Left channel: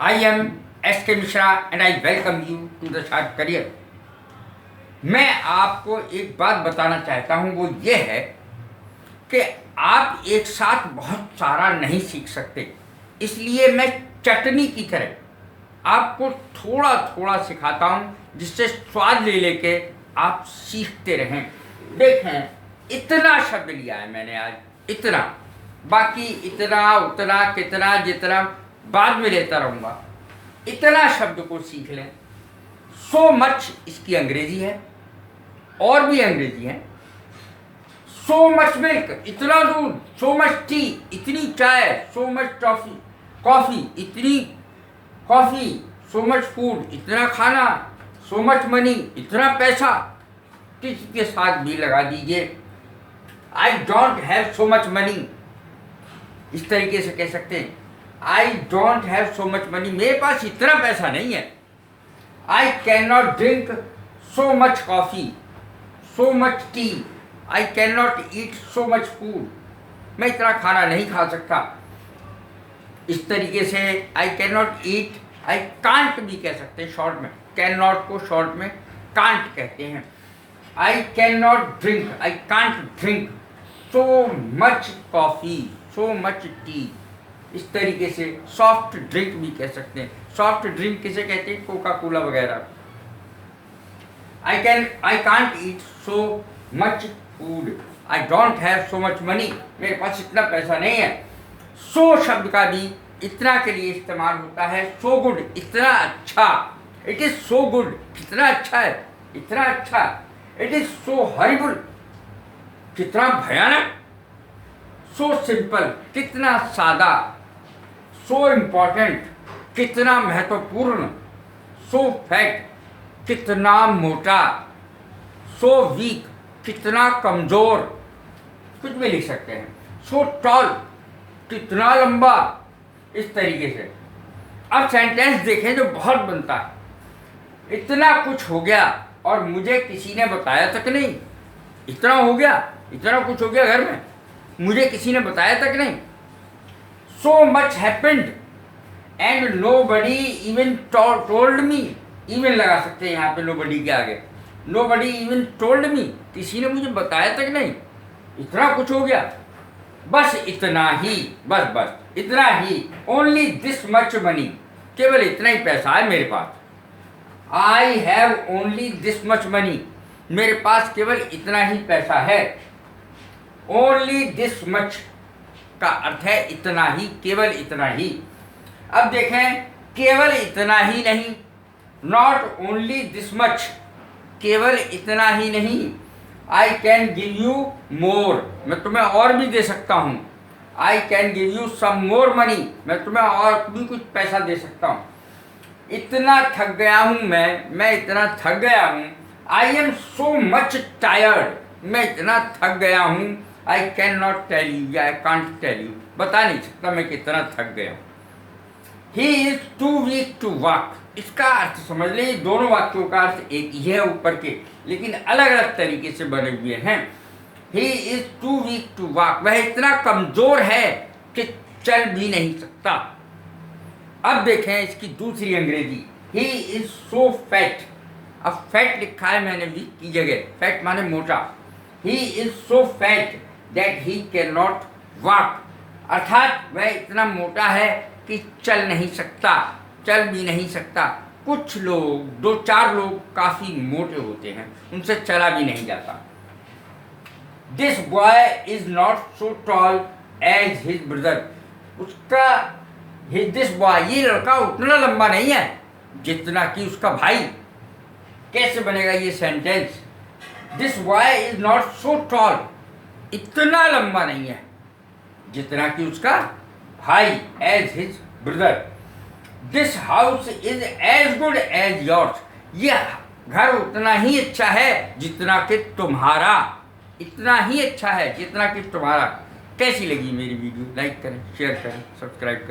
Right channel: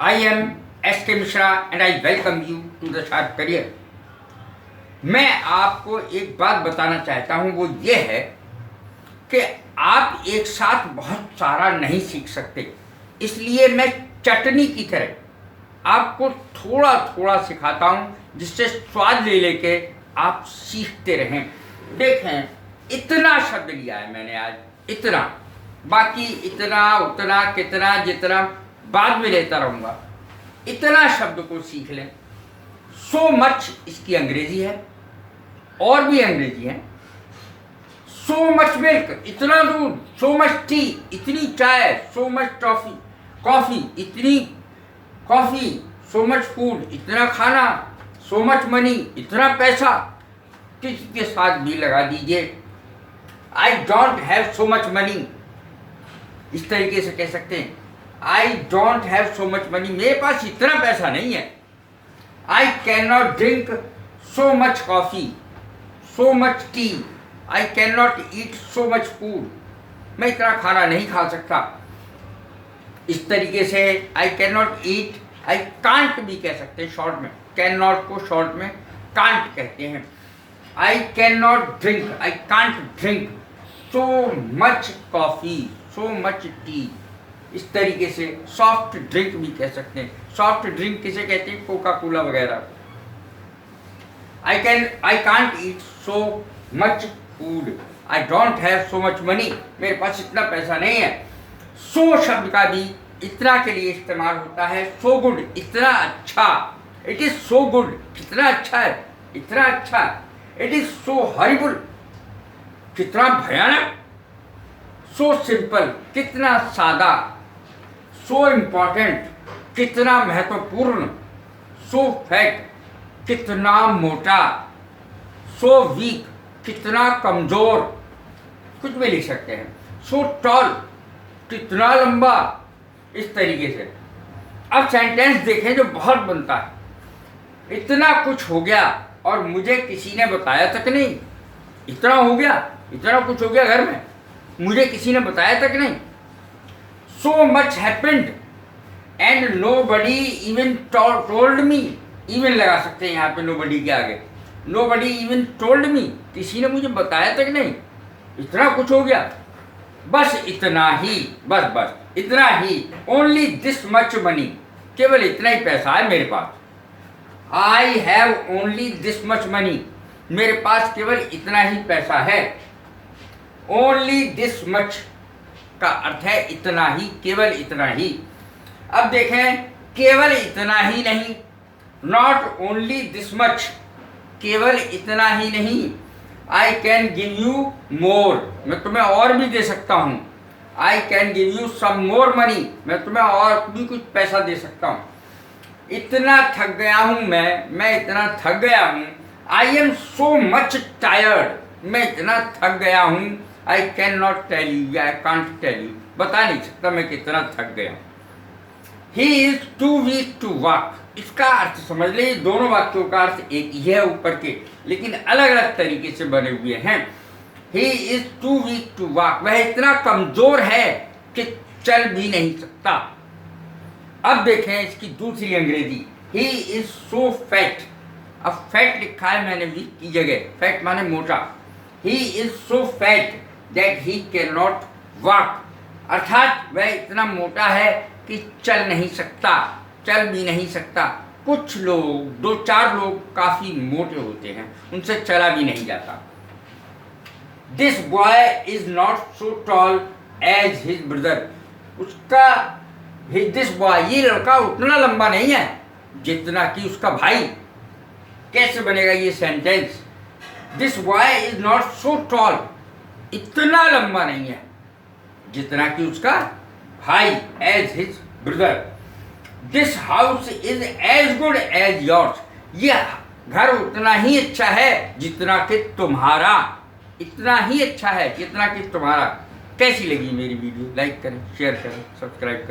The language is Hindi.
I am S.K. Mishra and I welcome you to the Sharp Career। मैं आपको एक बात बताना चाहता हूँ, वो ये है कि आप एक साथ बहुत सारा नहीं सीख सकते। इसलिए मैं चटनी की तरह आपको थोड़ा थोड़ा सिखाता हूँ, जिससे स्वाद ले लेके आप सीखते रहें। देखें, इतना शब्द लिया है मैंने आज, इतना, बाकी इतना उतना कितना जितना बाद में लेता रहूँगा। इतना शब्द को सीख लें। सो मच इसकी अंग्रेजी है, और भी अंग्रेजी है। सो मच मिल्क, इतना दूध। सो मच टी, इतनी चाय। सो मच कॉफ़ी, इतनी कॉफ़ी। सो मच फूड, इतना खाना। सो मच मनी, इतना पैसा। किसके साथ भी लगा दीजिए, I don't have so much money. इस तरीके से कह सकते हैं, I don't have so much money, मेरे पास इतना पैसा नहीं है। आई can not drink so much coffee, so much T. I can not eat so much food, मैं इतना खाना नहीं खा सकता। इस तरीके से आई can not eat, I can't भी कह सकते हैं शॉर्ट में। कैन नॉट को शॉर्ट में कांट कहते हैं। आई can not drink, I can't drink so much coffee, so much T. इस तरीके से सॉफ्ट ड्रिंक भी कह सकते हैं। सॉफ्ट ड्रिंक किसे कहते हैं? कोका कोला वगैरह। I can't eat so much food, I don't have so much money, मेरे पास इतना पैसा नहीं है। सो शब्द का भी इतना के लिए इस्तेमाल होता है। सो गुड, इतना अच्छा। इट इज सो गुड, कितना अच्छा है, इतना अच्छा। इट इज सो हॉरिबल, कितना भयानक। सो सिंपल, कितना सादा। सो इम्पॉर्टेंट, कितना महत्वपूर्ण। सो फैट, कितना मोटा। सो वीक, कितना कमजोर। कुछ भी लिख सकते हैं। सो टॉल, कितना लंबा। इस तरीके से अब सेंटेंस देखें जो बहुत बनता है। इतना कुछ हो गया और मुझे किसी ने बताया तक नहीं। इतना हो गया, इतना कुछ हो गया घर में, मुझे किसी ने बताया तक नहीं। So much happened and nobody even told me. Even लगा सकते हैं यहाँ पे नोबडी के आगे। नोबडी इवन टोल्ड मी, किसी ने मुझे बताया तक नहीं। इतना कुछ हो गया, बस इतना ही, बस इतना ही। ओनली दिस मच मनी, केवल इतना ही पैसा है मेरे पास। I have only this much money, मेरे पास केवल इतना ही पैसा है। ओनली दिस मच का अर्थ है इतना ही, केवल इतना ही। अब देखें, केवल इतना ही नहीं, नॉट ओनली दिस मच, केवल इतना ही नहीं। I can give you more, मैं तुम्हें और भी दे सकता हूँ। I can give you some more money, मैं तुम्हें और भी कुछ पैसा दे सकता हूँ। इतना थक गया हूँ मैं इतना थक गया हूँ। I am so much tired, मैं इतना थक गया हूँ। I can not tell you, या आई कांट टेल यू, बता नहीं सकता मैं कितना थक गया हूँ। He is too weak to walk, इसका अर्थ समझ लें। दोनों वाक्यों का अर्थ एक ही है ऊपर के, लेकिन अलग अलग तरीके से बने हुए हैं। He is too weak to walk, वह इतना कमजोर है कि चल भी नहीं सकता। अब देखें इसकी दूसरी अंग्रेजी। ही इज सो फैट, अब फैट लिखा है मैंने वीक की जगह, फैट माने मोटा। He is so fat that he can not walk, अर्थात वह इतना मोटा है कि चल नहीं सकता, चल भी नहीं सकता। कुछ लोग, दो चार लोग काफ़ी मोटे होते हैं, उनसे चला भी नहीं जाता। This boy is not so tall as his brother, उसका दिस बॉय, ये लड़का उतना लंबा नहीं है जितना कि उसका भाई। कैसे बनेगा ये sentence? This boy is not so tall, इतना लंबा नहीं है जितना कि उसका भाई, as his brother. This house is as good as yours, यह घर उतना ही अच्छा है जितना कि तुम्हारा, इतना ही अच्छा है जितना कि तुम्हारा। कैसी लगी मेरी वीडियो? लाइक करें, शेयर करें, सब्सक्राइब करें।